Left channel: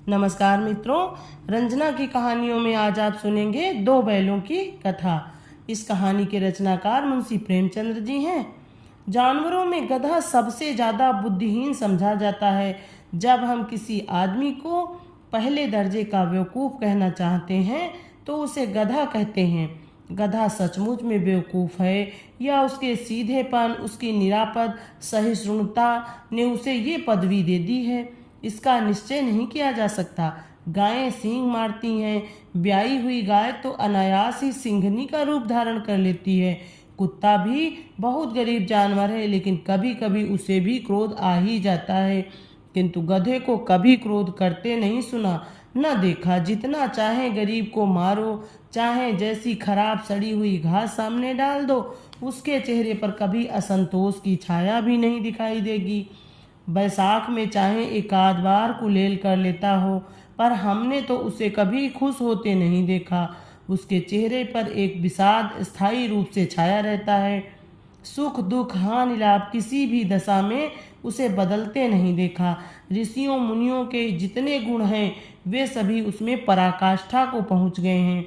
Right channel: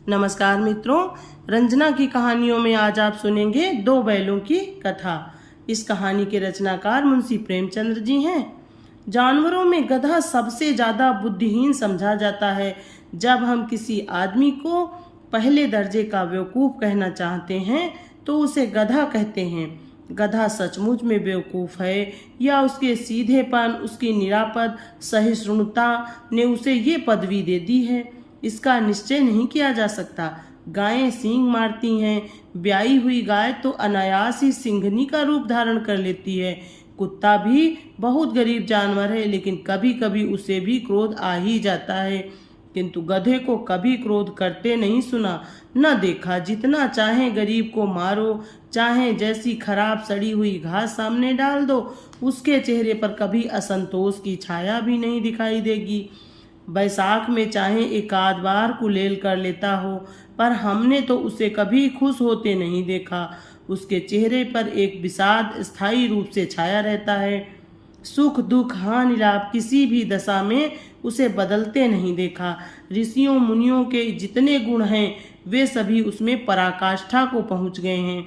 नमस्कार मित्रों, रंजना की कहानियों में आज आप सुनेंगे दो बैलों की कथा। इस कहानी के रचनाकार मुंशी प्रेमचंद्र जी हैं। जानवरों में गधा सबसे ज्यादा बुद्धिहीन समझा जाता है। जब हम किसी आदमी को पहले दर्जे का बेवकूफ कहना चाहते हैं तो उसे गधा कहते हैं। गधा सचमुच में बेवकूफ है या उसके सीधेपन, उसकी निरापद सहिष्णुता ने उसे ये पदवी दे दी है, इसका निश्चय नहीं किया जा सकता। गायें सींग मारती हैं। ब्याई हुई गाय तो अनायास ही सिंघनी का रूप धारण कर लेती है। कुत्ता भी बहुत गरीब जानवर है, लेकिन कभी कभी उसे भी क्रोध आ ही जाता है। किंतु गधे को कभी क्रोध करते नहीं सुना, न देखा। जितना चाहे गरीब को मारो, चाहे जैसी खराब सड़ी हुई घास सामने डाल दो, उसके चेहरे पर कभी असंतोष की छाया भी नहीं दिखाई देगी। बैसाख में चाहे एक आध बार कुलेल कर लेता हो, पर हमने तो उसे कभी खुश होते नहीं देखा। उसके चेहरे पर एक विषाद स्थायी रूप से छाया रहता है। सुख दुख हानि लाभ किसी भी दशा में उसे बदलते नहीं देखा। ऋषियों मुनियों के जितने गुण हैं वे सभी उसमें पराकाष्ठा को पहुंच गए हैं,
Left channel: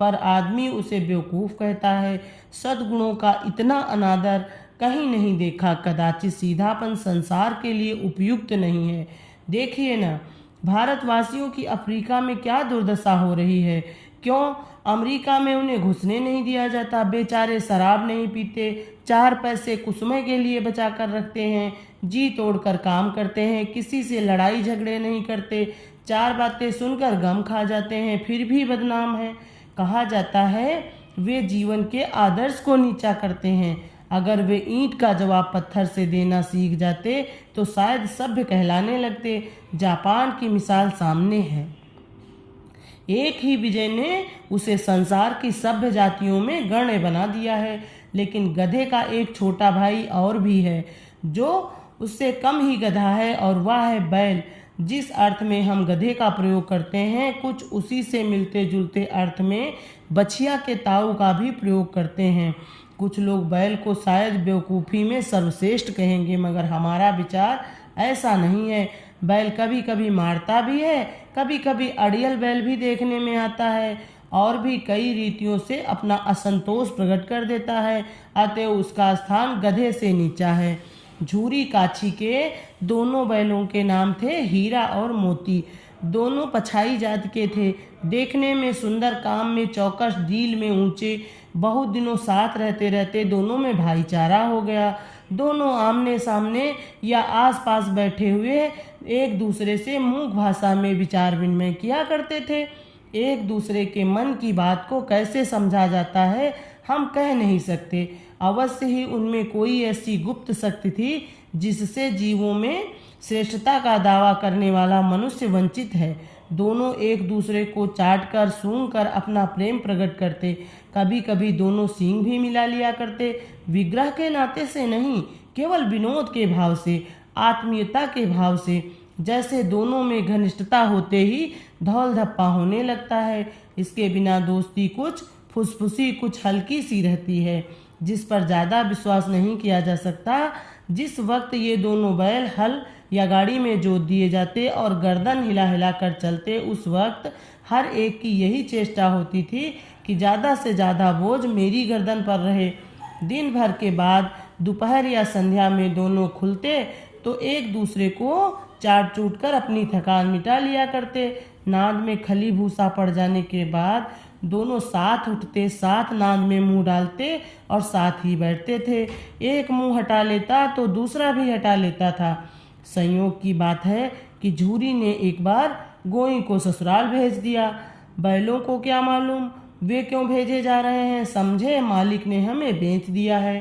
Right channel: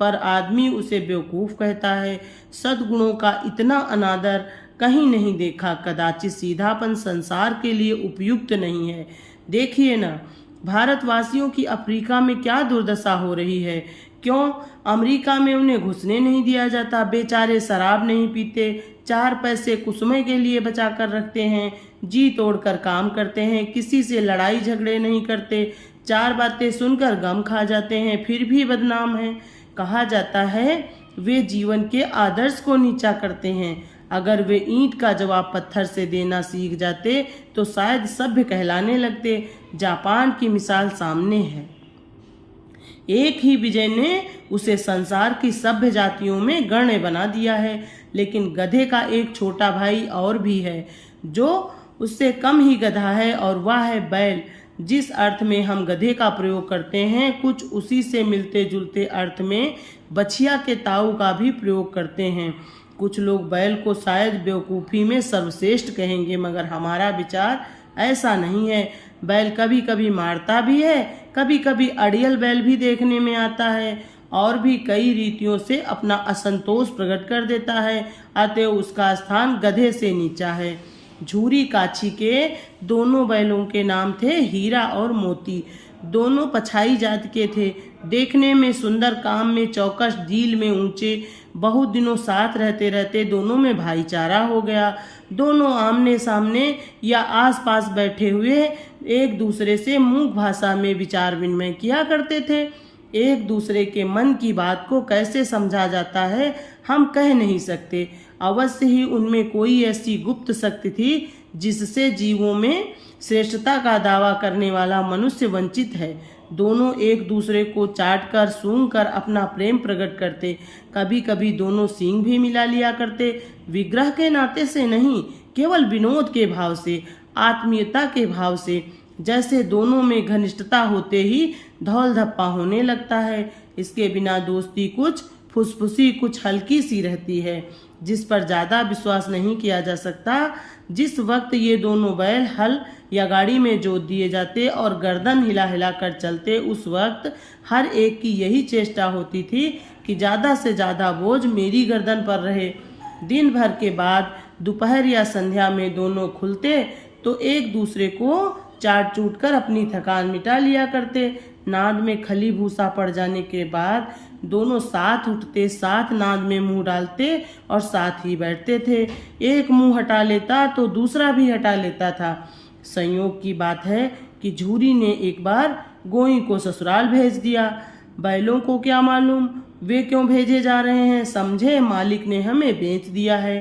पर आदमी उसे बेवकूफ कहता है। सद्गुणों का इतना अनादर कहीं नहीं देखा। कदाचित सीधापन संसार के लिए उपयुक्त नहीं है। देखिए ना, भारतवासियों की अफ्रीका में क्या दुर्दशा हो रही है। क्यों अमेरिका में उन्हें घुसने नहीं दिया जाता? बेचारे शराब नहीं पीते, 4 पैसे कुसुमे के लिए बचा कर रखते हैं, जी तोड़कर काम करते हैं, किसी से लड़ाई झगड़े नहीं करते, 4 बातें सुनकर गम खा जाते हैं, फिर भी बदनाम है। कहा जाता है वे जीवन के आदर्श को नीचा करते हैं। अगर वे ईंट का जवाब पत्थर से देना सीख जाते तो शायद सभ्य कहलाने लगते। जापान की मिसाल सामने है। एक ही विजय ने उसे संसार की सभ्य जातियों में गण्य बना दिया है। लेकिन गधे का एक छोटा भाई और भी है जो उससे कम ही गधा है, और वह है बैल। जिस अर्थ में हम गधे का प्रयोग करते हैं, कुछ उसी से मिलते जुलते अर्थ में बछिया के ताऊ का भी प्रयोग करते हैं। कुछ लोग बैल को शायद बेवकूफ़ी में सर्वश्रेष्ठ कहेंगे, मगर हमारा विचार ऐसा नहीं है। बैल कभी कभी मारता भी है, कभी कभी अड़ियल बैल भी देखने में आता है, और भी कई रीतियों से अपना असंतोष प्रकट कर देता है। अतएव उसका स्थान गधे से नीचा है। झूरी काछी के दोनों बैलों के नाम थे हीरा और मोती। दोनों पछाई जात के थे, देखने में सुंदर, काम में चौकस, डील में ऊंचे। बहुत दिनों साथ रहते रहते दोनों में भाईचारा हो गया। दोनों आमने सामने या आसपास बैठे हुए एक दूसरे से मूक भाषा में विचार विनिमय किया करते थे। एक दूसरे के मन की बात को कैसे समझा जाता है हम कह नहीं सकते। अवश्य ही उनमें कोई ऐसी गुप्त शक्ति थी जिससे जीवों में श्रेष्ठता का दावा करने वाला मनुष्य वंचित है। दोनों एक दूसरे को चाट कर सूंघ कर अपना प्रेम प्रकट करते। कभी कभी दोनों सींग भी मिला लिया करते। विग्रह के नाते से नहीं, केवल विनोद के भाव से, आत्मीयता के भाव से। जैसे दोनों में घनिष्ठता होते ही धौल धप्पा होने लगता है। इसके बिना दोस्ती कुछ फुसफुसी, कुछ हल्की सी रहती है, जिस पर ज़्यादा विश्वास नहीं किया जा सकता। जिस वक्त ये दोनों बैल हल या गाड़ी में जोत दिए जाते और गर्दन हिला हिला कर चलते, उस वक्त हर एक की यही चेष्टा होती थी कि ज़्यादा से ज़्यादा बोझ मेरी गर्दन पर रहे। दिन भर के बाद दोपहर या संध्या में दोनों खुलते तो एक दूसरे को चाट चूट कर अपनी थकान मिटा लिया करते। नाद में खली भूसा पड़ जाने के बाद दोनों साथ उठते, साथ नाद में मुंह डालते और साथ ही बैठते थे। एक मुंह हटा लेता तो दूसरा भी हटा लेता था। संयोग की बात है कि झूरी ने एक बार गोई को ससुराल भेज दिया। बैलों को क्या मालूम वे क्यों भेजे जा रहे हैं। समझे मालिक ने हमें बेच दिया है।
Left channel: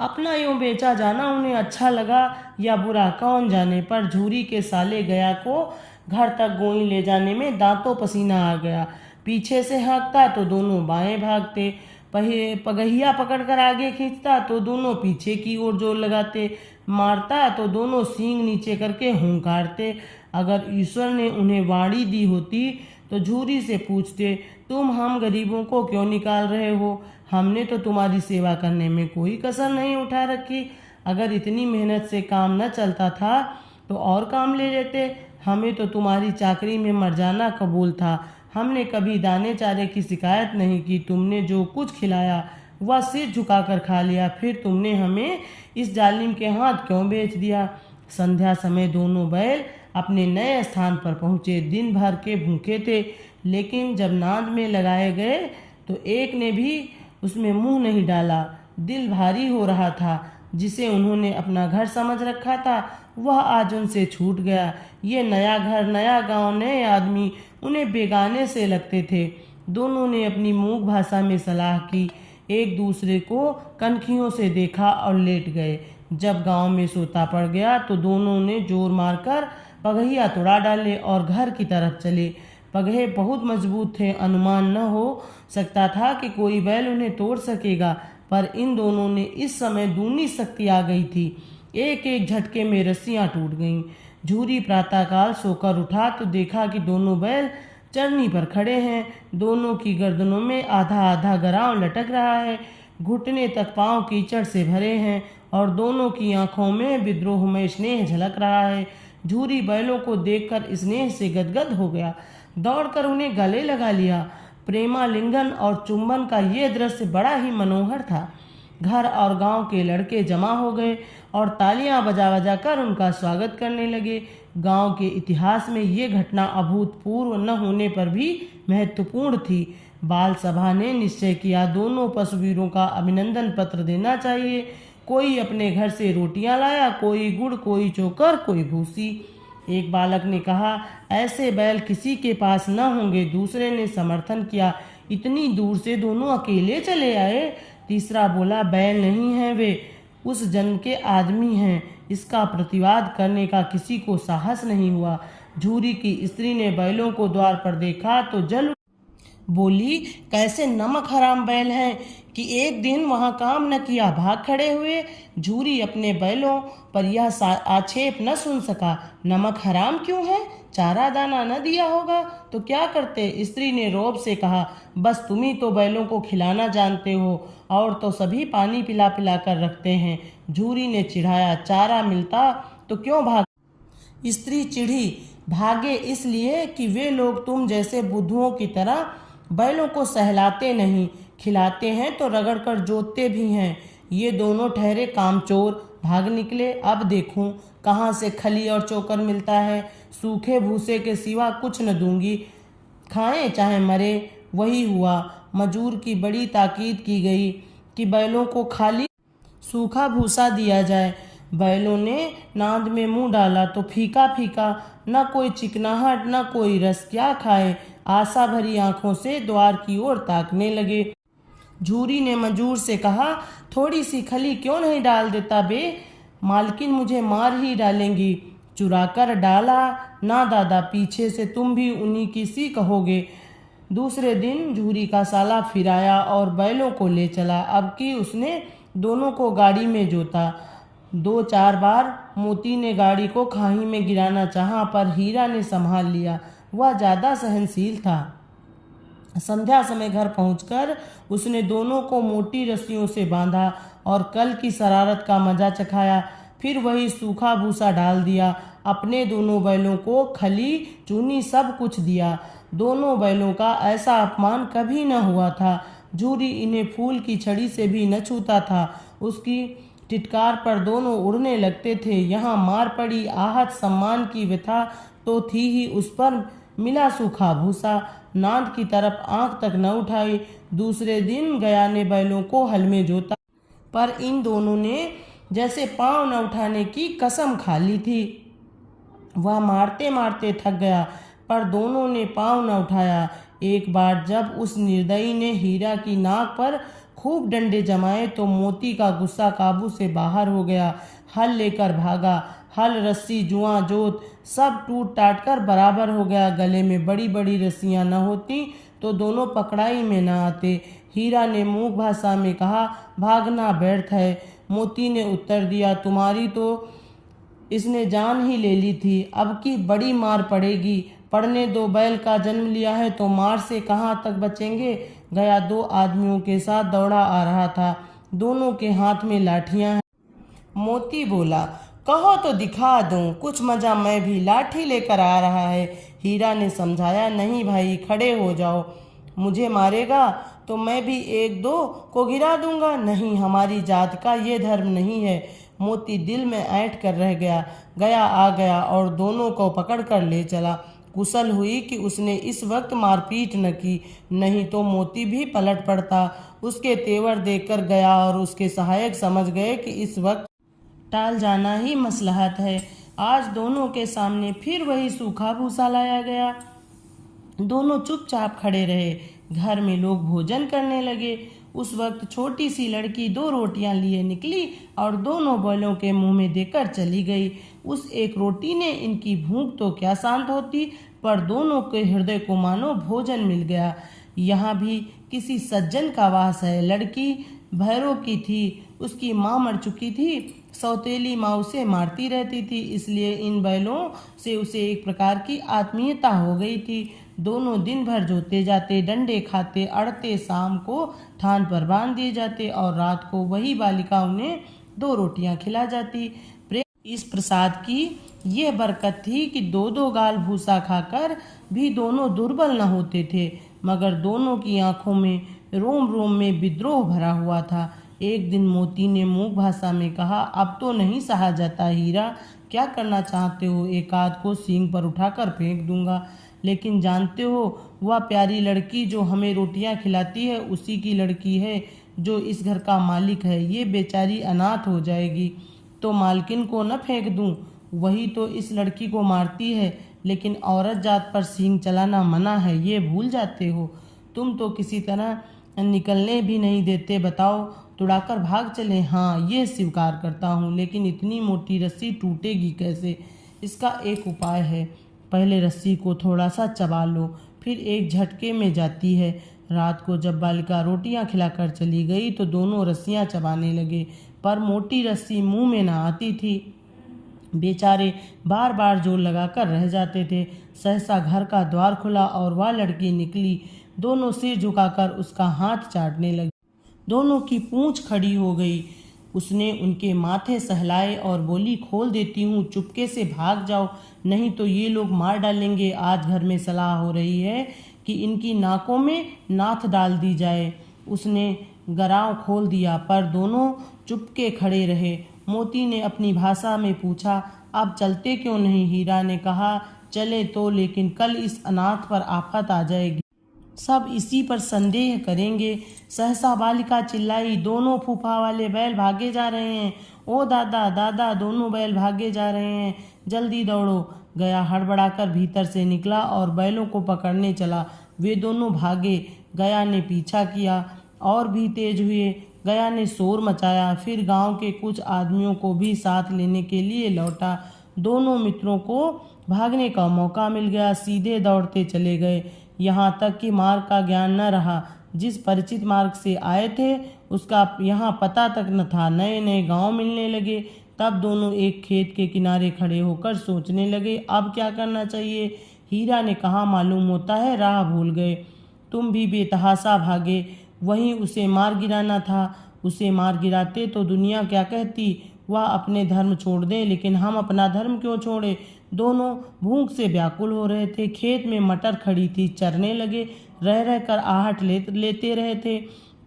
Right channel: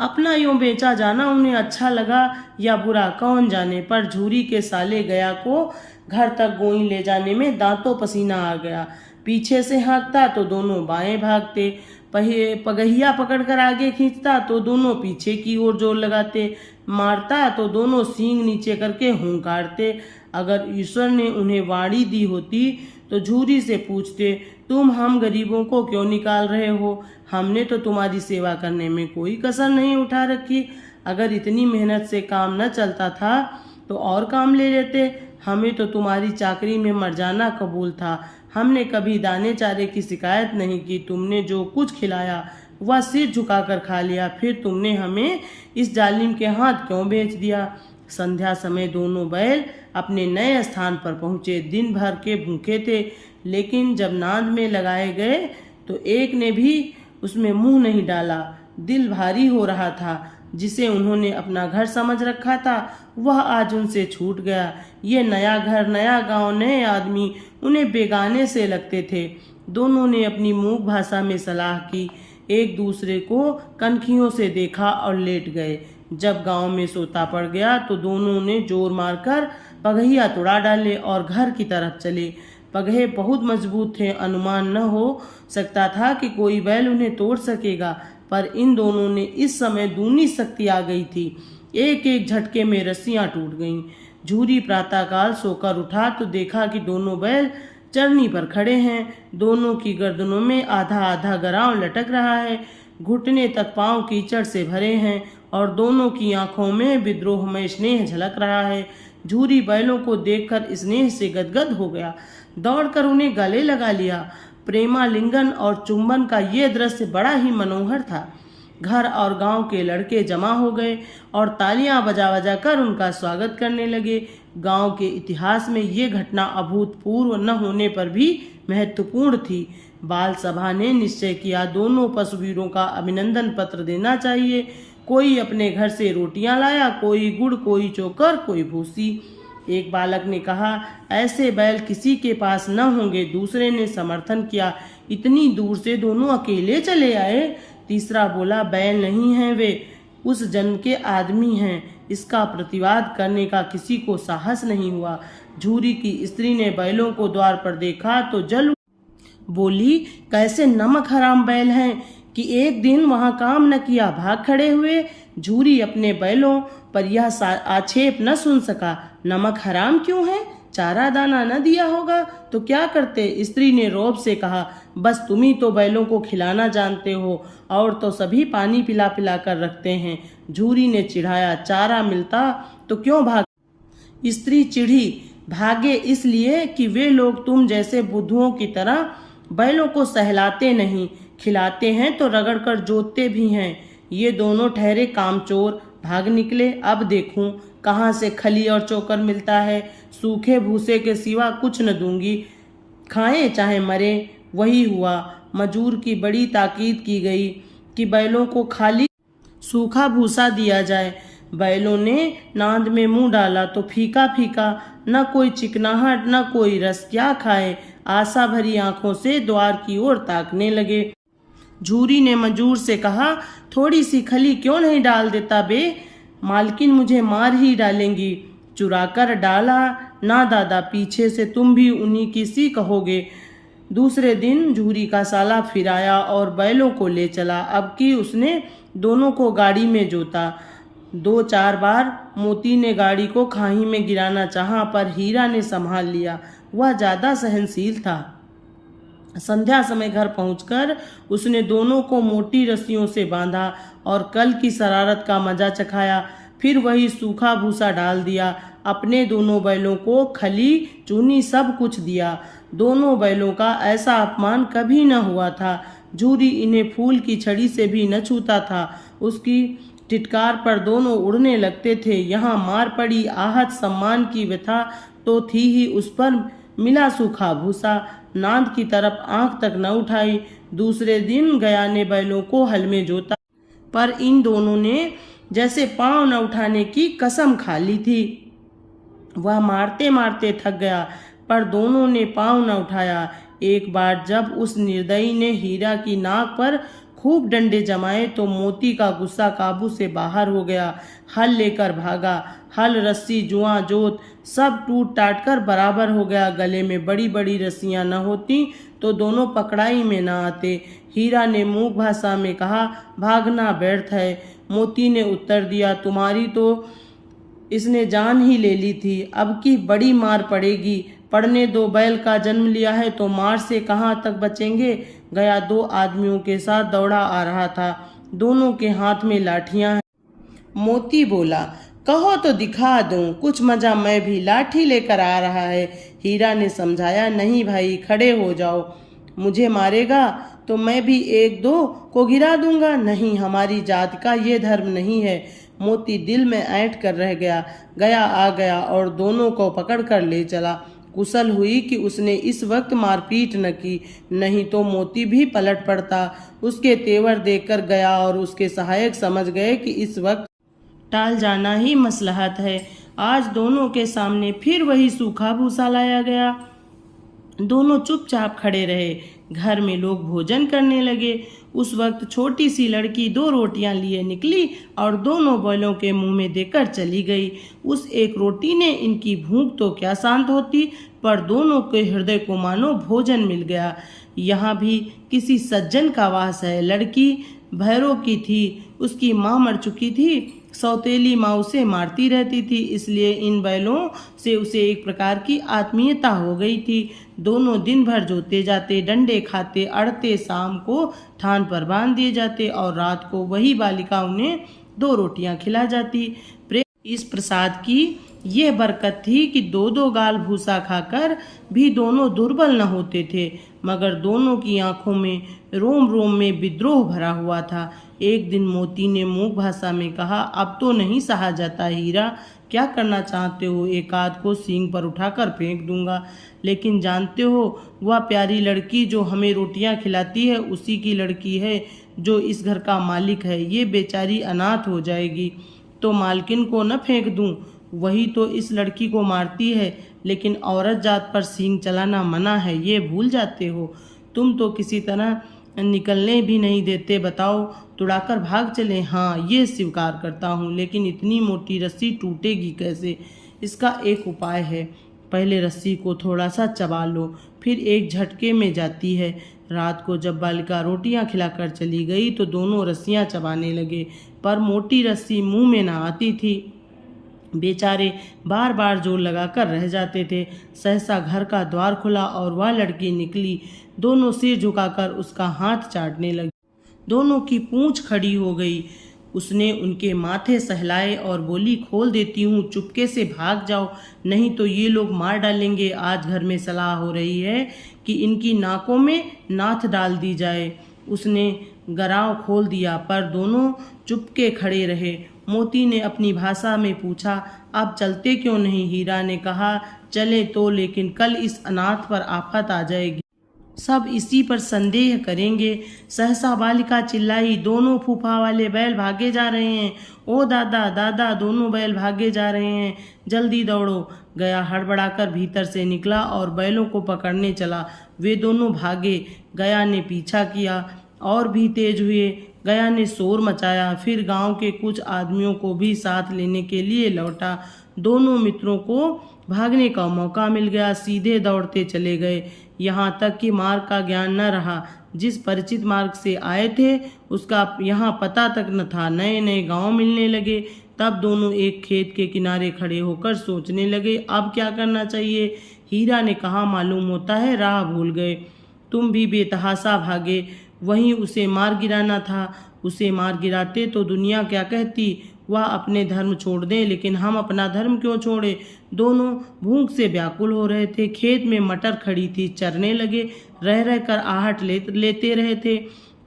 अपना यूं बेचा जाना उन्हें अच्छा लगा या बुरा कौन जाने, पर झूरी के साले गया को घर तक गोई ले जाने में दांतों पसीना आ गया। पीछे से हाँकता तो दोनों बाएं भागते, पगहिया पकड़कर आगे खींचता तो दोनों पीछे की ओर जोर लगाते, मारता तो दोनों सींग नीचे करके हुंकारते। अगर ईश्वर ने उन्हें वाणी दी होती तो झूरी से पूछते, तुम हम गरीबों को क्यों निकाल रहे हो? हमने तो तुम्हारी सेवा करने में कोई कसर नहीं उठा रखी। अगर इतनी मेहनत से काम न चलता था तो और काम ले लेते। हमें तो तुम्हारी चाकरी में मर जाना कबूल था। हमने कभी दाने चारे की शिकायत नहीं की। तुमने जो कुछ खिलाया वह सिर झुकाकर खा लिया। फिर तुमने हमें इस जालिम के हाथ क्यों बेच दिया? संध्या समय दोनों बैल अपने नए स्थान पर पहुँचे। दिन भर के भूखे थे, लेकिन जब नाद में लगाए गए तो एक ने भी उसमें मुंह नहीं डाला। दिल भारी हो रहा था। जिसे उन्होंने अपना घर समझ रखा था वह आज उनसे छूट गया। ये नया घर, नया गांव, नए आदमी उन्हें बेगाने से लगते थे। दोनों ने अपनी मूक भाषा में सलाह की, एक दूसरे को कनखियों से देखा और लेट गए। जब गांव में सोता पड़ गया तो दोनों ने जोर मारकर पगहिया तुड़ा डाले और घर की तरफ चले। पगहे बहुत मजबूत थे, अनुमान न हो सकता था कि कोई बैल उन्हें तोड़ सकेगा, पर इन दोनों ने इस समय दूनी शक्ति आ गई थी। एक एक झटके में रस्सियां टूट गईं। झूरी प्रातःकाल सोकर उठा तो देखा कि दोनों बैल चरनी पर खड़े हैं। दोनों की गर्दनों में आधा आधा गराव लटक रहा है। घुटने तक पांव कीचड़ से भरे हैं और दोनों की आंखों में विद्रोहमय स्नेह झलक रहा है। झूरी बैलों को देखकर स्नेह से गदगद हो गया, दौड़कर उन्हें गले लगा लिया। प्रेमालिंगन और चुंबन का ये दृश्य बड़ा ही मनोहर था। घर और गांव के लड़के जमा हो गए और तालियां बजा बजा कर उनका स्वागत करने लगे। गांव के इतिहास में ये घटना अभूतपूर्व न होने पर भी महत्वपूर्ण थी। बाल सभा ने निश्चय किया, दोनों पशुवीरों का अभिनंदन पत्र देना चाहिए। कोई अपने घर से रोटियां लाया, कोई गुड़, कोई चोकर, कोई भूसी। एक बालक ने कहा, ऐसे बैल किसी के पास न होंगे। दूसरे ने समर्थन किया, इतनी दूर से दोनों अकेले चले आए। तीसरा बोला, बैल नहीं हैं, वे उस जन्म के आदमी हैं। इसका प्रतिवाद करने का किसी को साहस नहीं हुआ। झूरी की स्त्री ने बैलों को द्वार पर देखा तो जल बोली, कैसे नमक हराम बैल हैं कि एक दिन वहां काम न किया, भाग खड़े हुए। झूरी अपने बैलों पर यह आक्षेप न सुन सका। नमक हराम क्यों है? चारा दाना न दिया होगा तो क्या करते? स्त्री ने रौब से कहा, बस तुम ही तो बैलों को खिलाना जानते हो, और तो सभी पानी पिला पिला कर रखते हैं। झूरी ने चिढ़ाया, चारा मिलता तो क्यों भाग? स्त्री चिढ़ी, भागे इसलिए कि वे लोग तुम जैसे बुद्धुओं की तरह बैलों को सहलाते नहीं, खिलाते हैं तो रगड़ कर जोतते भी हैं। ये दोनों ठहरे कामचोर, भाग निकले। अब देखूं कहाँ से खली और चोकर मिलता है। सूखे भूसे के सिवा कुछ न दूंगी, खाएं चाहे मरे। वही हुआ। मजूर की बड़ी ताकीद की गई कि बैलों को खाली सूखा भूसा दिया जाए। बैलों ने नाद में मुंह डाला तो फीका फीका, न कोई चिकनाहट न कोई रस। क्या खाए? आशा भरी आंखों से द्वार की ओर ताकने लगे। झूरी ने मजूर से कहा, थोड़ी सी खली क्यों नहीं डाल देता बे? मालकिन मुझे मार ही डालेंगी। चुराकर डाला ना दादा, पीछे से तुम भी उन्हीं की सी कहोगे। दूसरे दिन झूरी का साला फिर आया और बैलों को ले चला। अब की उसने दोनों को गाड़ी में जोता। 2-4 बार मोती ने गाड़ी को खाई में गिराना चाहा, पर हीरा ने संभाल लिया। वह ज्यादा सहनशील था। संध्या समय घर पहुंचकर उसने दोनों को मोटी रस्सियों से बांधा और कल की शरारत का मजा चखाया। फिर वही सूखा भूसा डाल दिया। अपने दोनों बैलों को खली चूनी सब कुछ दिया। दोनों बैलों का ऐसा अपमान कभी न हुआ था। झूरी इन्हें फूल की छड़ी से भी न छूता था। उसकी टिटकार पर दोनों उड़ने लगते थे। यहाँ मार पड़ी, आहत, सम्मान की व्यथा तो थी ही, उस पर मिला सूखा भूसा। नाद की तरफ आंख तक न उठाई। दूसरे दिन गया ने बैलों को हल में जोता, पर इन दोनों ने जैसे पांव न उठाने की कसम खा ली थी। वह मारते मारते थक गया, पर दोनों ने पांव न उठाया। एक बार जब उस निर्दयी ने हीरा की नाक पर खूब डंडे जमाए तो मोती का गुस्सा काबू से बाहर हो गया। हल लेकर भागा। हल, रस्सी, जुआ, जोत सब टूट टाट कर बराबर हो गया। गले में बड़ी बड़ी रस्सियां न होती तो दोनों पकड़ाई में न आते। हीरा ने मूक भाषा में कहा, भागना व्यर्थ है। मोती ने उत्तर दिया, तुम्हारी तो इसने जान ही ले ली थी, अब की बड़ी मार पड़ेगी। पड़ने दो, बैल का जन्म लिया है तो मार से कहाँ तक बचेंगे। गया 2 आदमियों के साथ दौड़ा आ रहा था। दोनों के हाथ में लाठियां हैं। मोती बोला, कहो तो दिखा दूं, कुछ मजा मैं भी लाठी लेकर आ रहा है। हीरा ने समझाया, नहीं भाई, खड़े हो जाओ, मुझे मारेगा तो मैं भी एक दो को गिरा दूंगा। नहीं, हमारी जात का ये धर्म नहीं है। मोती दिल में ऐंठ कर रह गया। गया आ गया और दोनों को पकड़ कर ले चला। कुशल हुई कि उसने इस वक्त मारपीट न की, नहीं तो मोती भी पलट पड़ता। उसके तेवर देखकर गया और उसके सहायक समझ गए कि इस वक्त टाल जाना ही मसलहत है। आज दोनों के सामने फिर वही सूखा भूसा लाया गया। दोनों चुपचाप खड़े रहे। घर में लोग भोजन करने लगे। उस वक्त छोटी सी लड़की 2 रोटियां लिए निकली और दोनों बैलों के मुंह में देकर चली गई। उस एक रोटी ने इनकी भूख तो क्या शांत होती, पर दोनों के हृदय को मानो भोजन मिल गया। यहाँ भी किसी सज्जन का वास है। लड़की भैरों की थी, उसकी माँ मर चुकी थी। सौतेली माँ उसे मारती रहती थी, इसलिए इन बैलों से उसे एक प्रकार की आत्मीयता हो गई थी। दोनों दिन भर जोते जाते, डंडे खाते, अड़ते, शाम को थान पर बांध दिए जाते और रात को वही बालिका उन्हें 2 रोटियां खिला जाती। इस प्रसाद की ये बरकत थी कि 2-2 गाल भूसा खाकर भी दोनों दुर्बल न होते थे, मगर दोनों की आंखों में रोम रोम में विद्रोह भरा हुआ था। एक दिन मोती ने मूक भाषा में कहा, अब तो नहीं सहा जाता हीरा, क्या करना चाहते हो? एक आध को सींग पर उठाकर फेंक दूंगा, लेकिन जानते हो वह प्यारी लड़की जो हमें रोटियां खिलाती है उसी की लड़की है जो इस घर का मालिक है। ये बेचारी अनाथ हो जाएगी तो मालकिन को न फेंक दूं? वही तो इस लड़की को मारती है, लेकिन औरत जात पर सींग चलाना मना है, ये भूल जाते हो। तुम तो किसी तरह निकलने भी नहीं देते। बताओ, तुड़ाकर भाग चले? हाँ, ये स्वीकार करता हूँ, लेकिन इतनी मोटी रस्सी टूटेगी कैसे? इसका एक उपाय है। पहले रस्सी को थोड़ा सा चबा लो, फिर एक झटके में जाती है। रात को जब बालिका रोटियां खिलाकर चली गई तो दोनों रस्सियां चबाने लगे, पर मोटी रस्सी मुंह में ना आती थी। बेचारे बार बार जोर लगाकर रह जाते थे। सहसा घर का द्वार खुला और वह लड़की निकली। दोनों सिर झुकाकर उसका हाथ चाटने लगी। दोनों की पूंछ खड़ी हो गई। उसने उनके माथे सहलाए और बोली, खोल देती हूँ, चुपके से भाग जाओ, नहीं तो ये लोग मार डालेंगे। आज घर में सलाह हो रही है कि इनकी नाकों में नाथ डाल दी जाए। उसने गराव खोल दिया, पर दोनों चुपके खड़े रहे। मोती ने अपनी भाषा में पूछा, अब चलते क्यों नहीं? हीरा ने कहा, चले तो, लेकिन कल इस अनाथ पर आफत आ जाएगी, सब इसी पर संदेह करेंगे। सहसा बालिका चिल्लाई, दोनों फूफा वाले बैल भागे जा रहे हैं। ओ दादा दादा, दोनों बैल भागे जा रहे हैं, जल्दी दौड़ो। गया हड़बड़ाकर भीतर से निकला और बैलों को पकड़ने चला। वे दोनों भागे। गया ने पीछा किया और भी तेज हुए। गया ने शोर मचाया, फिर गांव के कुछ आदमियों को भी साथ लेने के लिए लौटा। दोनों मित्रों को भागने का मौका मिल गया, सीधे दौड़ते चले गए। यहाँ तक कि मार्ग का ज्ञान न रहा। जिस परिचित मार्ग से आए थे उसका यहाँ पता तक न था। नए नए गांव मिलने लगे। तब दोनों एक खेत के किनारे खड़े होकर सोचने लगे, अब क्या करना चाहिए। हीरा ने कहा, मालूम होता है राह भूल गए। तुम भी बेतहासा भागे, वहीं उसे मार गिराना था। उसे मार गिराते तो दुनिया क्या कहती। वह अपने धर्म छोड़ दे, लेकिन हम अपना धर्म क्यों छोड़े। दोनों भूख से व्याकुल हो रहे थे। खेत में मटर खड़ी थी, चरने लगे। रह रह कर आहट लेते रहे थे,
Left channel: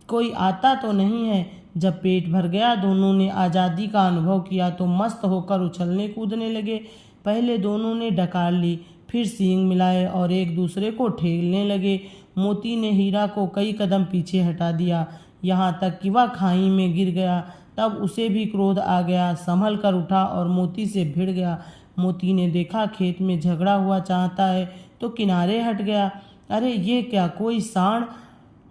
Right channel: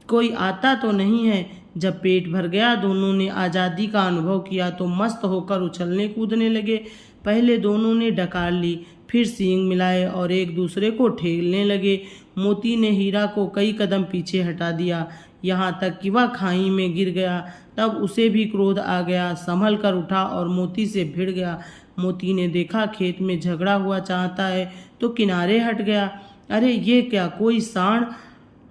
कोई आता तो नहीं है। जब पेट भर गया, दोनों ने आज़ादी का अनुभव किया तो मस्त होकर उछलने कूदने लगे। पहले दोनों ने डकार ली, फिर सींग मिलाए और एक दूसरे को ठेलने लगे। मोती ने हीरा को कई कदम पीछे हटा दिया, यहाँ तक कि वह खाई में गिर गया। तब उसे भी क्रोध आ गया, संभल कर उठा और मोती से भिड़ गया। मोती ने देखा खेत में झगड़ा हुआ चाहता है तो किनारे हट गया। अरे ये क्या, कोई सांड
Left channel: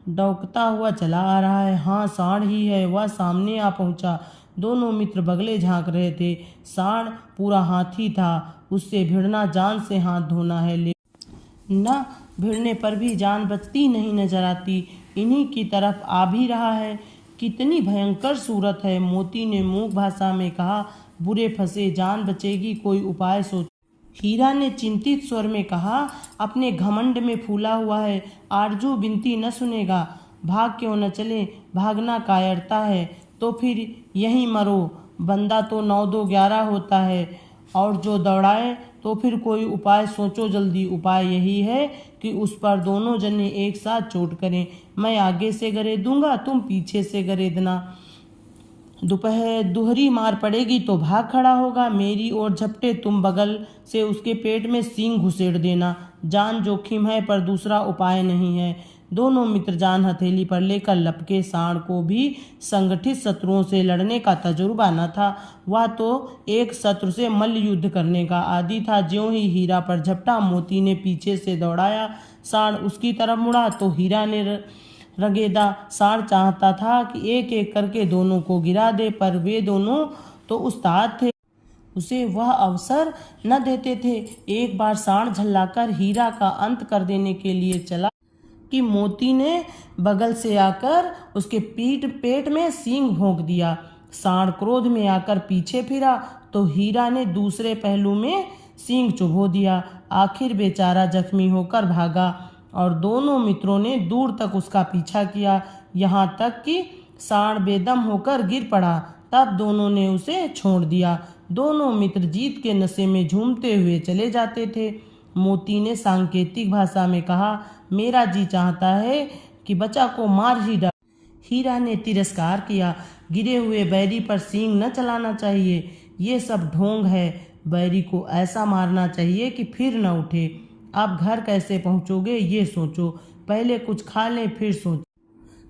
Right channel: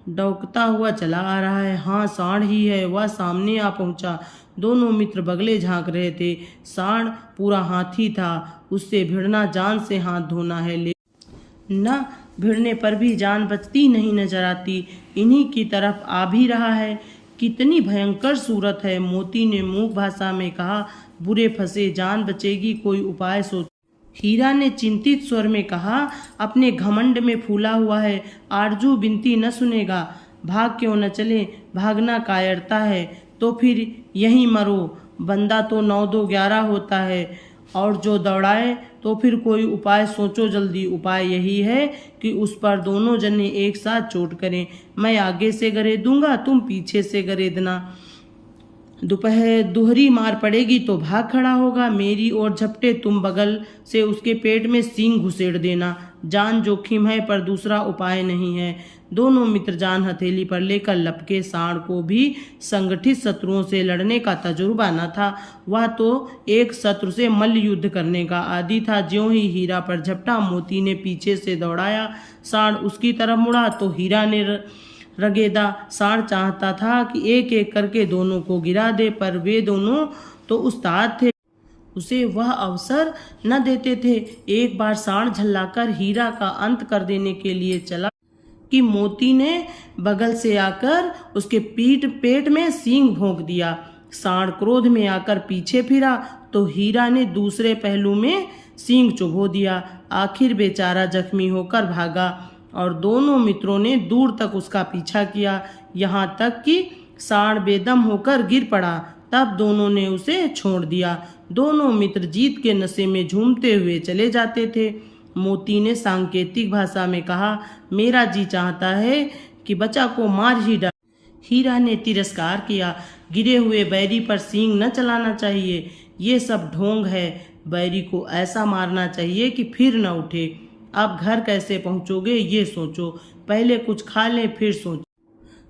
डौकता हुआ चला आ रहा है। हाँ, सांड ही है। वह सामने आ पहुंचा। दोनों मित्र बगले झांक रहे थे। सांड पूरा हाथी था। उससे भिड़ना जान से हाथ धोना है, लेकिन न भिड़ने पर भी जान बचती नहीं नजर आती। इन्हीं की तरफ आ भी रहा है। कितनी भयंकर सूरत है। मोती ने मूक भाषा में कहा, बुरे फंसे, जान बचेगी, कोई उपाय सोच। हीरा ने चिंतित स्वर में कहा, अपने घमंड में फूला हुआ है, आरजू बिनती न सुनेगा। भाग क्यों न चले, भागना कायरता है तो फिर यहीं मरो। बंदा तो 9 2 11 होता है, और जो दौड़ाए तो फिर कोई उपाय सोचो जल्दी। उपाय यही है कि उस पर दोनों जने एक साथ चोट करें। मैं आगे से गरे दूंगा, तुम पीछे से गरे देना। दोपहर दोहरी मार पड़ेगी तो भाग खड़ा होगा। मेरी ओर झपटे, तुम बगल से उसके पेट में सींग घुसेड़ देना। जान जोखिम है पर दूसरा उपाय नहीं है। दोनों मित्र जान हथेली पर लेकर लपके। सांड को भी संगठित शत्रुओं से लड़ने का तजुर्बा न था। वह तो एक शत्रु से मल्ल युद्ध करने का आदी था। ज्यों ही हीरा पर झपटा, मोती ने पीछे से दौड़ाया। सांड उसकी तरफ मुड़ा तो हीरा ने रगेदा। सांड चाहता था कि एक एक करके दोनों को गिरा दे, पर वे दोनों तो उस्ताद थे, उसे वह अवसर न देते थे। एक बार सांड झल्लाकर हीरा का अंत कर देने के लिए चला कि मोती ने बगल से आकर उसके पेट में सींग भोंक दिया। सांड क्रोध में आकर पीछे फिरा तो हीरा ने दूसरे पहलू में सींग चुभो दिया। आखिर बेचारा जख्मी होकर भागा और दोनों मित्रों ने दूर तक उसका पीछा किया, यहाँ तक कि सांड बेदम होकर गिर पड़ा। तब दोनों ने उसे छोड़ दिया। दोनों मित्र जीत के नशे में झूमते हुए चले जाते थे। मोती ने सांकेतिक भाषा में कहा, मेरा जी चाहता है कि बच्चा को मार ही डाल। हीरा ने तिरस्कार किया, गिरे हुए बैरी पर सींग न चलाना चाहिए, ये सब ढोंग है। बैरी को ऐसा मारना चाहिए कि फिर न उठे। अब घर कैसे पहुंचोगे ये सोचो, पहले कुछ खा लें फिर सोचो।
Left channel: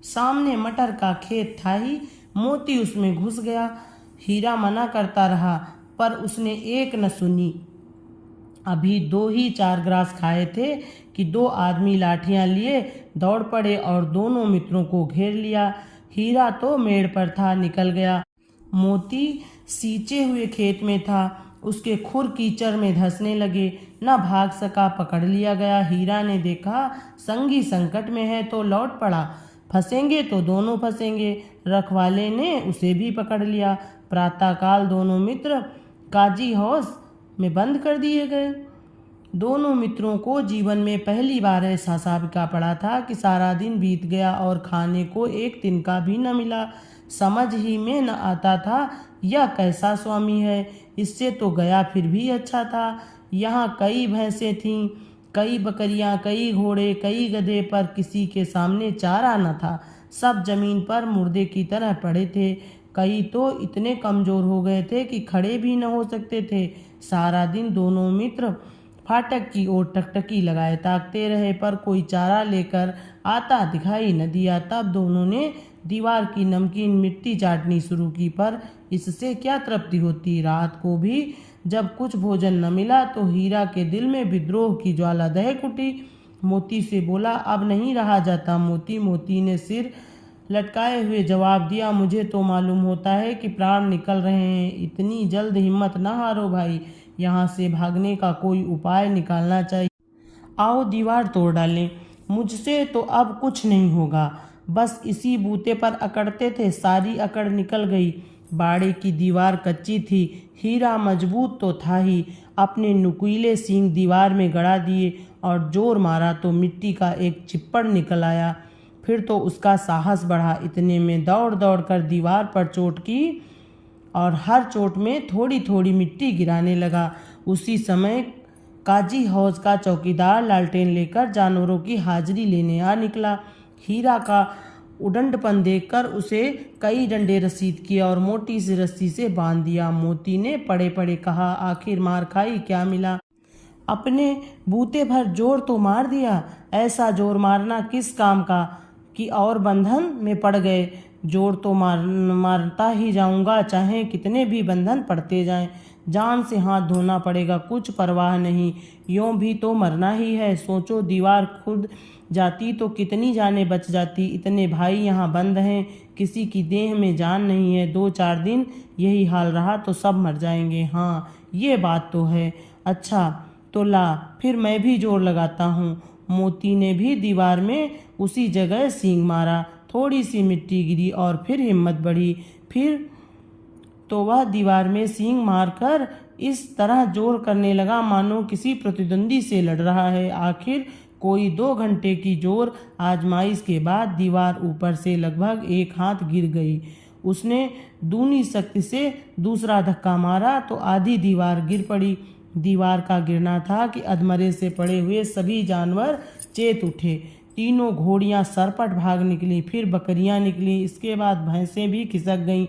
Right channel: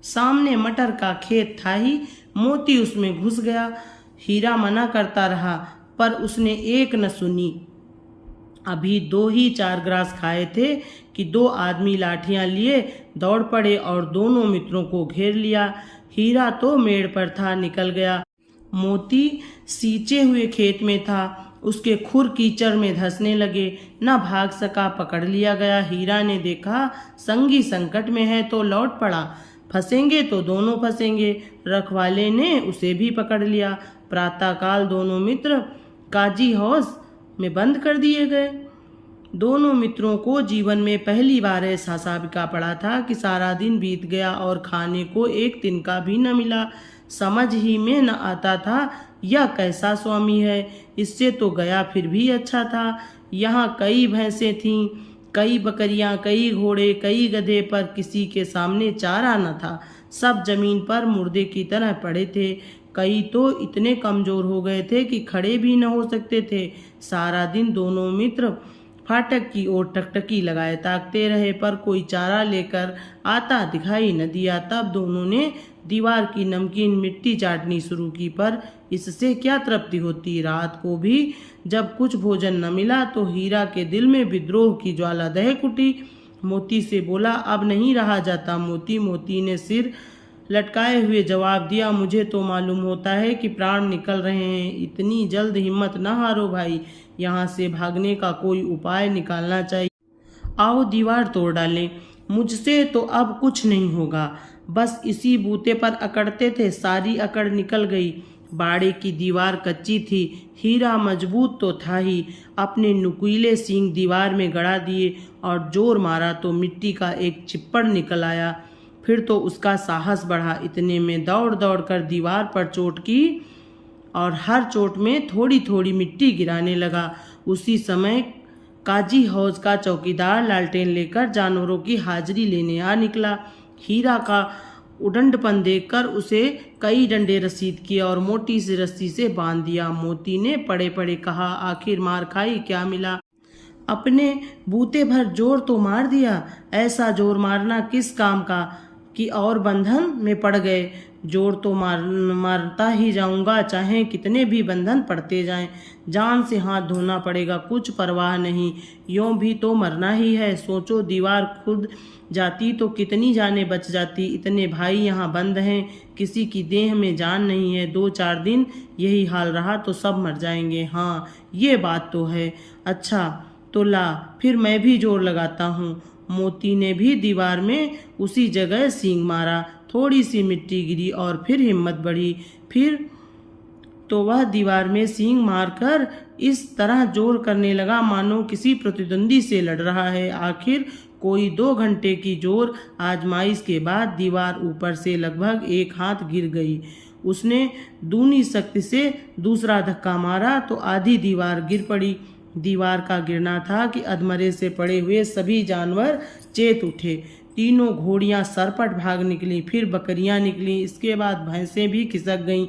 सामने मटर का खेत था ही, मोती उसमें घुस गया। हीरा मना करता रहा पर उसने एक न सुनी। अभी 2 ही 4 ग्रास खाए थे कि 2 आदमी लाठियां लिए दौड़ पड़े और दोनों मित्रों को घेर लिया। हीरा तो मेड़ पर था, निकल गया। मोती सींचे हुए खेत में था, उसके खुर कीचड़ में धंसने लगे, न भाग सका, पकड़ लिया गया। हीरा ने देखा संगी संकट में है तो लौट पड़ा, फंसेंगे तो दोनों फंसेंगे। रखवाले ने उसे भी पकड़ लिया। प्रातःकाल दोनों मित्र काजी हाउस में बंद कर दिए गए। दोनों मित्रों को जीवन में पहली बार ऐसा साबिका पड़ा था कि सारा दिन बीत गया और खाने को एक तिनका भी न मिला। समझ ही में न आता था यह कैसा स्वामी है, इससे तो गया फिर भी अच्छा था। यहाँ कई भैंसें थीं, कई बकरियां, कई घोड़े, कई गधे, पर किसी के सामने चारा न था। सब जमीन पर मुर्दे की तरह पड़े थे। कई तो इतने कमजोर हो गए थे कि खड़े भी न हो सकते थे। सारा दिन दोनों मित्र फाटक की ओर टकटकी लगाए ताकते रहे, पर कोई चारा लेकर आता दिखाई न दिया। तब दोनों ने दीवार की नमकीन मिट्टी चाटनी शुरू की, पर इससे क्या तृप्ति होती। रात को भी जब कुछ भोजन न मिला तो हीरा के दिल में विद्रोह की ज्वाला दहक उठी। मोती से बोला, अब नहीं रहा जाता मोती ने सिर लटकाए हुए जवाब दिया, मुझे तो मालूम होता है कि प्राण निकल रहे हैं। इतनी जल्द हिम्मत न हारो भाई, यहाँ से भागने का कोई उपाय निकालना चाहिए। आओ दीवार तोड़ डालें। मुझसे तो अब कुछ नहीं होगा। बस इसी बूते पर अकड़ते थे, सारी अकड़ निकल गई। बाड़े की दीवार कच्ची थी, हीरा मजबूत तो था ही। अपने नुकीले सींग दीवार में गड़ा दिए और जोर मारा तो मिट्टी का एक चिप्पड़ निकल आया। फिर तो उसका साहस बढ़ा। इतने में दौड़ दौड़ कर दीवार पर चोट की और हर चोट में थोड़ी थोड़ी मिट्टी गिराने लगा। उसी समय काजी हौज का चौकीदार लालटेन लेकर जानवरों की हाजिरी लेने आ निकला। हीरा का उडंडपन देखकर उसे कई डंडे रसीद किए और मोटी सी रस्सी से बांध दिया। मोती ने पड़े पड़े कहा, आखिर मार खाई, क्या मिला? अपने बूते भर जोर तो मार दिया, ऐसा जोर मारना किस काम का कि और बंधन में पड़ गए। जोर तो मारता ही जाऊंगा, चाहे कितने भी बंधन पड़ते जाएं। जान से हाथ धोना पड़ेगा, कुछ परवाह नहीं, यूं भी तो मरना ही है। सोचो, दीवार खुद जाती तो कितनी जानें बच जाती। इतने भाई यहाँ बंद हैं, किसी की देह में जान नहीं है। 2-4 दिन यही हाल रहा तो सब मर जाएंगे। हाँ, ये बात तो है। अच्छा तो ला, फिर मैं भी जोर लगाता हूँ। मोती ने भी दीवार में उसी जगह सींग मारा। थोड़ी सी मिट्टी गिरी और फिर हिम्मत बढ़ी। फिर तो वह दीवार में सींग मारकर इस तरह जोर करने लगा मानो किसी प्रतिद्वंदी से लड़ रहा है। आखिर कोई 2 घंटे की जोर आजमाइश के बाद दीवार ऊपर से लगभग 1 हाथ गिर गई। उसने दूनी शक्ति से दूसरा धक्का मारा तो आधी दीवार गिर पड़ी। दीवार का गिरना था कि अधमरे से पड़े हुए सभी जानवर चेत उठे। तीनों घोड़ियां सरपट भाग निकली, फिर बकरियां निकली, इसके बाद भैंसें भी खिसक गईं,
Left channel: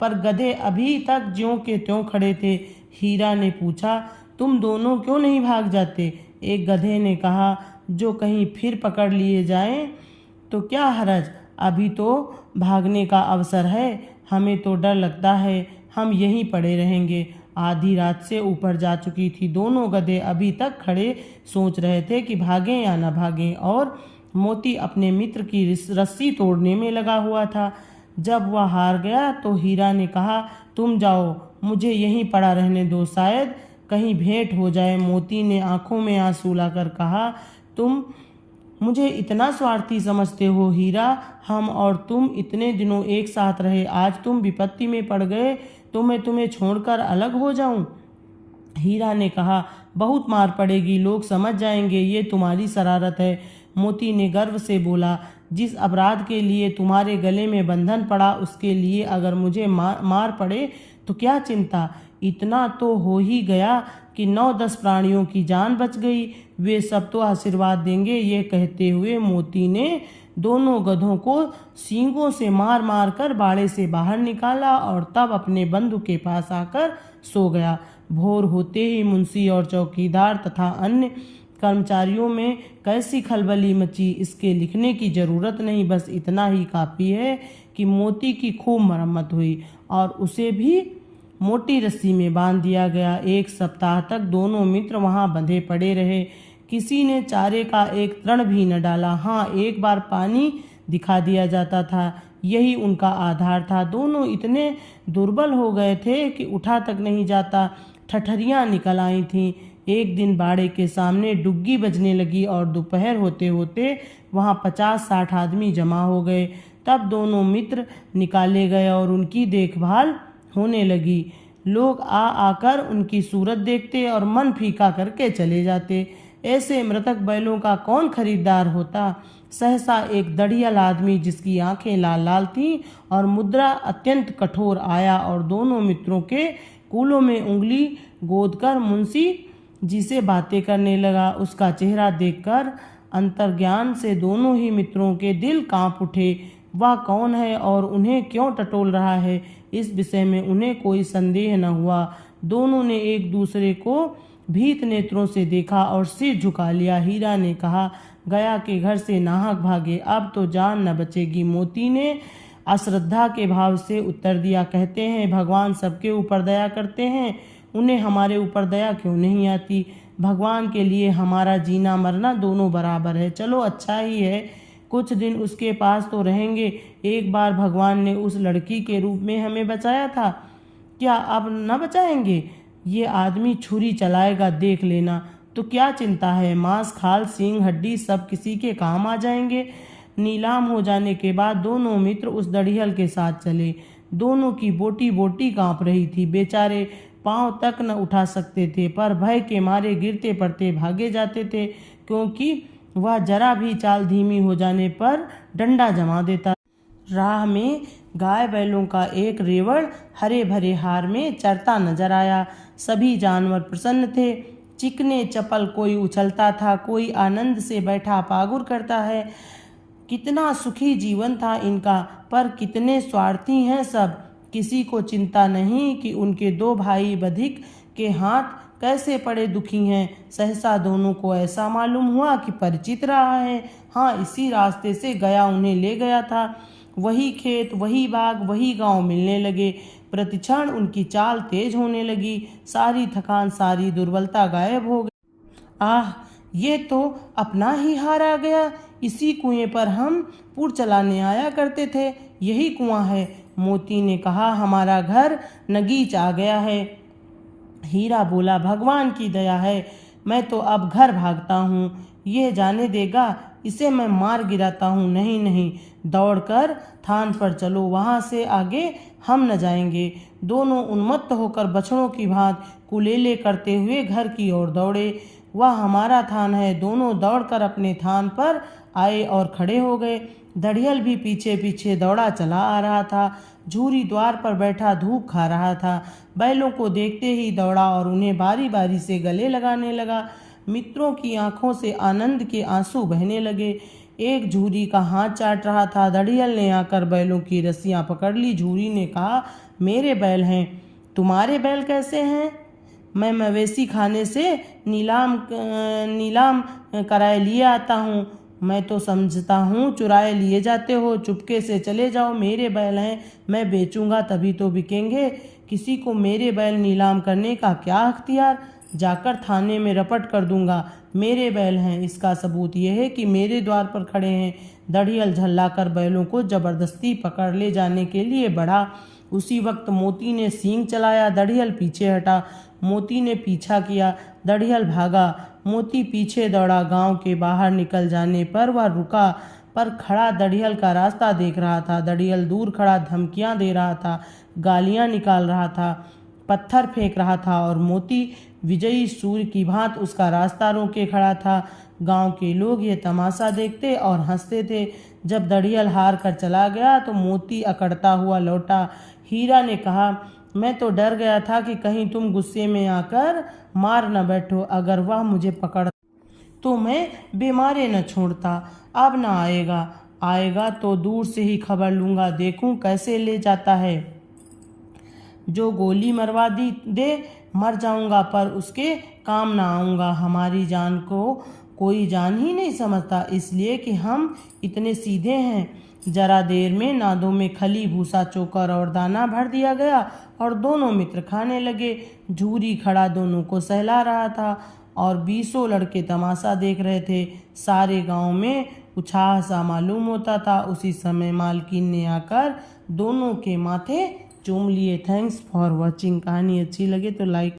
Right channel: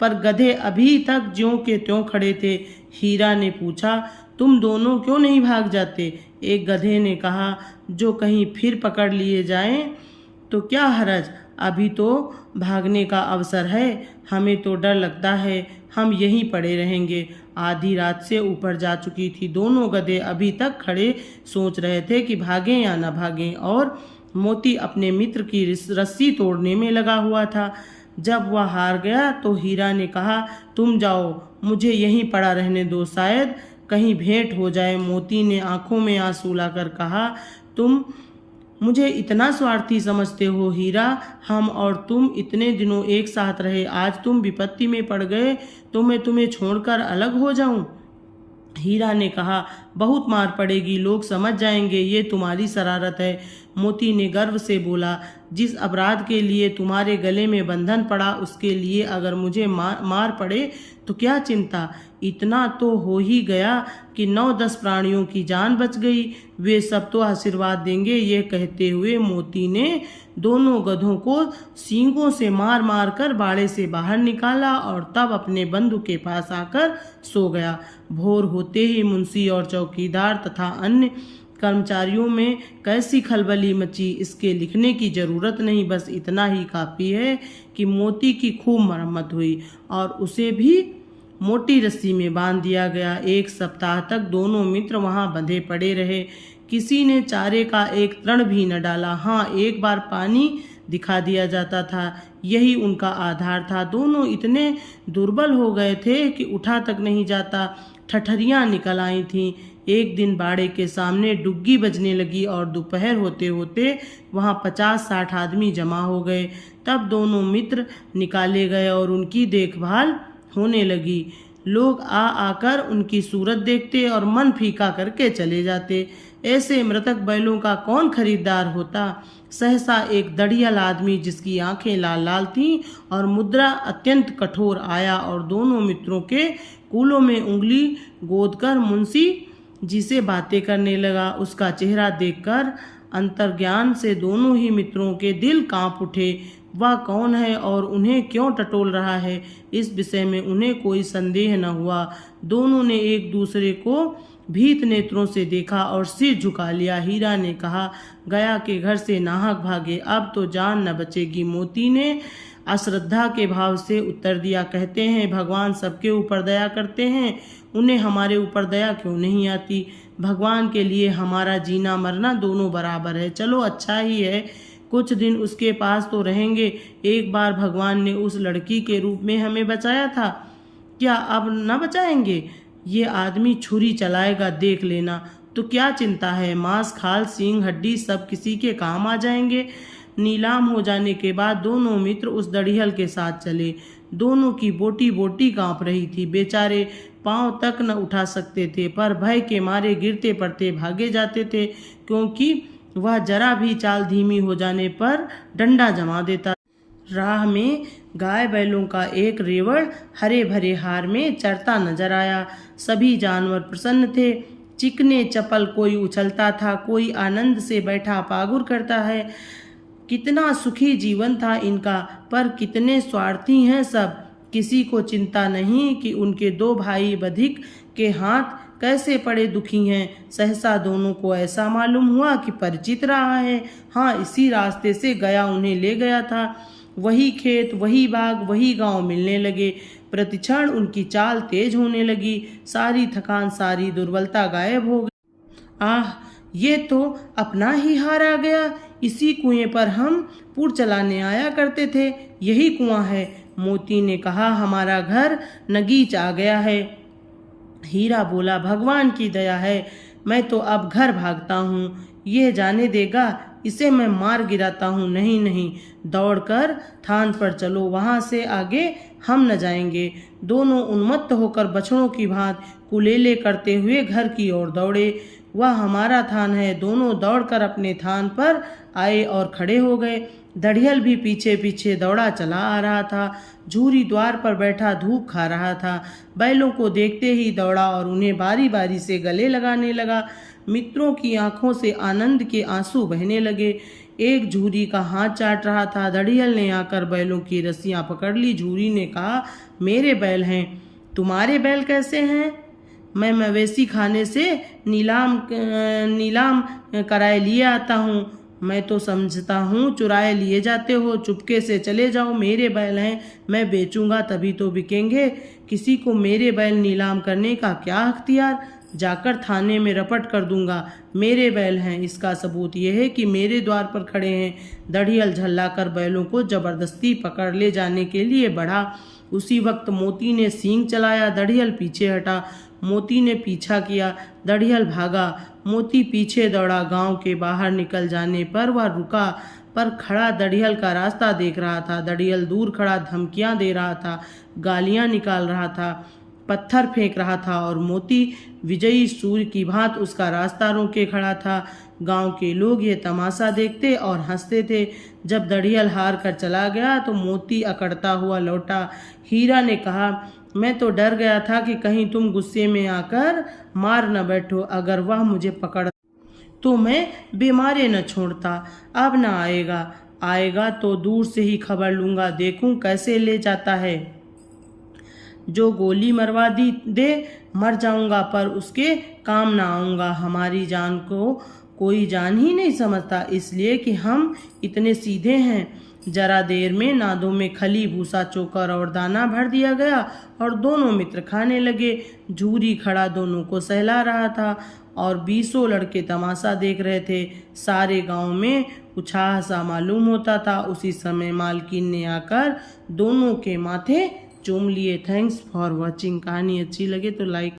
पर गधे अभी तक ज्यों के त्यों खड़े थे। हीरा ने पूछा, तुम दोनों क्यों नहीं भाग जाते? एक गधे ने कहा, जो कहीं फिर पकड़ लिए जाएं तो क्या हरज, अभी तो भागने का अवसर है, हमें तो डर लगता है, हम यहीं पड़े रहेंगे। आधी रात से ऊपर जा चुकी थी। दोनों गधे अभी तक खड़े सोच रहे थे कि भागें या न भागें, और मोती अपने मित्र की रस्सी तोड़ने में लगा हुआ था। जब वह हार गया तो हीरा ने कहा, तुम जाओ, मुझे यहीं पड़ा रहने दो, शायद कहीं भेंट हो जाए। मोती ने आंखों में आंसू लाकर कहा, तुम मुझे इतना स्वार्थी समझते हो हीरा? हम और तुम इतने दिनों एक साथ रहे, आज तुम विपत्ति में पड़ गए तो मैं तुम्हें छोड़कर अलग हो जाऊं? हीरा ने कहा, बहुत मार पड़ेगी, लोग समझ जाएंगे ये तुम्हारी शरारत है। मोती ने गर्व से बोला, जिस अपराध के लिए तुम्हारे गले में बंधन पड़ा उसके लिए अगर मुझे मार पड़े तो क्या चिंता। इतना तो हो ही गया कि 9-10 प्राणियों की जान बच गई, वे सब तो आशीर्वाद देंगे। ये कहते हुए मोती ने दोनों गधों को सींगों से मार मार कर बाड़े से बाहर निकाला और तब अपने बंधु के पास आकर सो गया। भोर होते ही मुंशी और चौकीदार तथा अन्य कर्मचारियों में कैसी खलबली मची, इसके लिखने की जरूरत नहीं, बस इतना ही काफ़ी है कि मोती की खूब मरम्मत हुई और उसे भी मोटी रस्सी में बांध दिया गया। 1 सप्ताह तक दोनों मित्र वहां बंधे पड़े रहे। किसी ने चारे का एक तृण भी न डाला। हाँ, एक बार पानी दिखा दिया जाता था, यही उनका आधार था। दोनों इतने दुर्बल हो गए थे कि उठा तक नहीं जाता। ठठरियाँ निकल आई थीं। एक दिन बाड़े के सामने डुग्गी बजने लगी और दोपहर होते होते वहाँ 50-60 आदमी जमा हो गए। तब दोनों मित्र निकाले गए और उनकी देखभाल होने लगी। लोग आकर उनकी सूरत देखते और मन फीका करके चले जाते। ऐसे मृतक बैलों का कौन खरीदार होता। सहसा एक दढ़ियल आदमी जिसकी आंखें लाल लाल थीं और मुद्रा अत्यंत कठोर आया और दोनों मित्रों के कूलों में उंगली गोदकर मुंशी जी से बातें करने लगा। उसका चेहरा देखकर अंतर्ज्ञान से दोनों ही मित्रों के दिल कांप उठे। वह कौन है और उन्हें क्यों टटोल रहा है, इस विषय में उन्हें कोई संदेह न हुआ। दोनों ने एक दूसरे को भीत नेत्रों से देखा और सिर झुका लिया। हीरा ने कहा, गया के घर से नाहक भागे, अब तो जान न बचेगी। मोती ने अश्रद्धा के भाव से उत्तर दिया, कहते हैं भगवान सबके ऊपर दया करते हैं, उन्हें हमारे ऊपर दया क्यों नहीं आती। भगवान के लिए हमारा जीना मरना दोनों बराबर है। चलो अच्छा ही है, कुछ दिन उसके पास तो रहेंगे। एक बार भगवान ने उस लड़की के रूप में हमें बचाया था, क्या अब न बचाएंगे? ये आदमी छुरी चलाएगा, देख लेना। तो क्या चिंता है, मांस खाल सींग हड्डी सब किसी के काम आ जाएंगे। नीलाम हो जाने के बाद दोनों मित्र उस दढ़ियल के साथ चले। दोनों की बोटी बोटी कांप रही थी। बेचारे पांव तक न उठा सकते थे, पर भय के मारे गिरते पड़ते भागे जाते थे, क्योंकि वह जरा भी चाल धीमी हो जाने पर डंडा जमा देता। राह में गाय बैलों का एक रेवड़ हरे भरे हार में चरता नजर आया। सभी जानवर प्रसन्न थे। चिकने चपल कोई उछलता था, कोई आनंद से बैठा पागुर करता है। कितना सुखी जीवन था इनका, पर कितने स्वार्थी हैं सब। किसी को चिंता नहीं कि उनके 2 भाई बधिक के हाथ कैसे पड़े दुखी हैं। सहसा दोनों को ऐसा मालूम हुआ कि परिचित रहा है। हाँ, इसी रास्ते से गया उन्हें ले गया था। वही खेत, वही बाग, वही गांव मिलने लगे। प्रतिक्षण उनकी चाल तेज होने लगी। सारी थकान, सारी दुर्बलता गायब हो गई। आह, ये तो अपना ही हार आ गया। इसी कुएं पर हम पुर चलाने आया करते थे, यही कुआं है। मोती ने कहा, हमारा घर नगीच आ गया है। हीरा बोला, भगवान की दया है, मैं तो अब घर भागता हूँ। ये जाने देगा, इसे मैं मार गिराता हूँ। नहीं नहीं, दौड़कर थान पर चलो, वहाँ से आगे हम न जाएंगे। दोनों उन्मत्त होकर बछड़ों की भांति कुलेले करते हुए घर की ओर दौड़े। वह हमारा थान है। दोनों दौड़कर अपने थान पर आए और खड़े हो गए। दड़ियल भी पीछे पीछे दौड़ा चला आ रहा था। झूरी द्वार पर बैठा धूप खा रहा था। बैलों को देखते ही दौड़ा और उन्हें बारी बारी से गले लगाने लगा। मित्रों की आंखों से आनंद के आंसू बहने लगे। एक झूरी का हाथ चाट रहा था। दड़ियल ने आकर बैलों की रस्सियां पकड़ ली। झूरी ने कहा, मेरे बैल हैं, तुम्हारे बैल कैसे हैं? मैं मवेशी खाने से नीलाम कराए लिए आता हूँ। मैं तो समझता हूँ चुराए लिए जाते हो। चुपके से चले जाओ, मेरे बैल हैं, मैं बेचूंगा तभी तो बिकेंगे। किसी को मेरे बैल नीलाम करने का क्या अख्तियार? जाकर थाने में रपट कर दूंगा। मेरे बैल हैं, इसका सबूत यह है कि मेरे द्वार पर खड़े हैं। दड़ियल झल्लाकर बैलों को जबरदस्ती पकड़ ले जाने के लिए बढ़ा। उसी वक्त मोती ने सींग चलाया। दड़ियल पीछे हटा। मोती ने पीछा किया। दड़ियल भागा। मोती पीछे दौड़ा। गांव के बाहर निकल जाने पर वह रुका, पर खड़ा दड़ियल का रास्ता देख रहा था। दड़ियल दूर खड़ा धमकियां दे रहा था, गालियां निकाल रहा था, पत्थर फेंक रहा था और मोती विजयी सूर्य की भांति उसका रास्ता रोके खड़ा था। गांव के लोग ये तमाशा देखते और हंसते थे। जब दड़ियल हार कर चला गया तो मोती अकड़ता हुआ लौटा। हीरा ने कहा, मैं तो डर गया था कि कहीं तुम गुस्से में आकर मार न बैठो। अगर वह मुझे पकड़ तो मैं बीमारे न छोड़ता। अब न आएगा तो दूर से ही खबर लूंगा, देखूं कैसे ले जाता है। जो गोली मरवा दे मर जाऊंगा, पर उसके काम ना आऊंगा। हमारी जान को कोई जान ही नहीं समझता, इसलिए कि हम इतने सीधे हैं। जरा देर में नादों में खली, भूसा, चोकर और दाना भर दिया गया और दोनों मित्र खाने लगे। झूरी खड़ा दोनों को सहला रहा था और 20 लड़के तमाशा देख रहे थे। सारे गांव में उछाह सा मालूम होता था। उसी समय मालकिन ने आकर दोनों के माथे चूम लिए। Thanks for watching. कहानी अच्छी लगे तो लाइक